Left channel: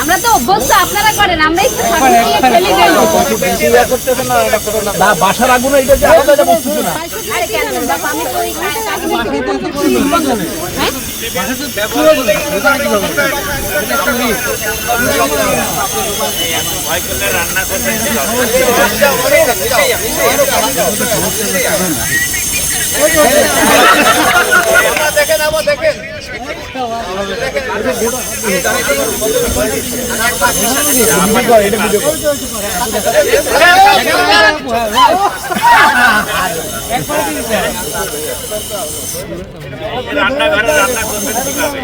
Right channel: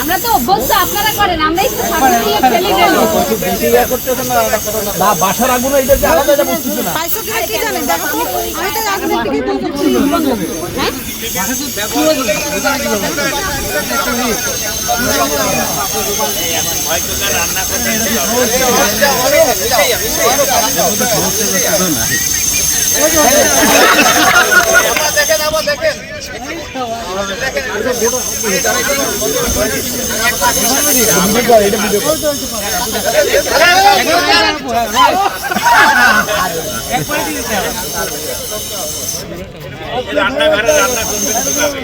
আমরা তো অভ্যস্ত আপনারা করেন আমরা একটু ঠাকুর দিয়ে ফেলে গেল। না বাসার আগুনে এটা যে আলাদা এটা বুঝতেছে না। দেখেন আবার দেখেন। রান্নাঘরে রান্না করবে কীভাবে?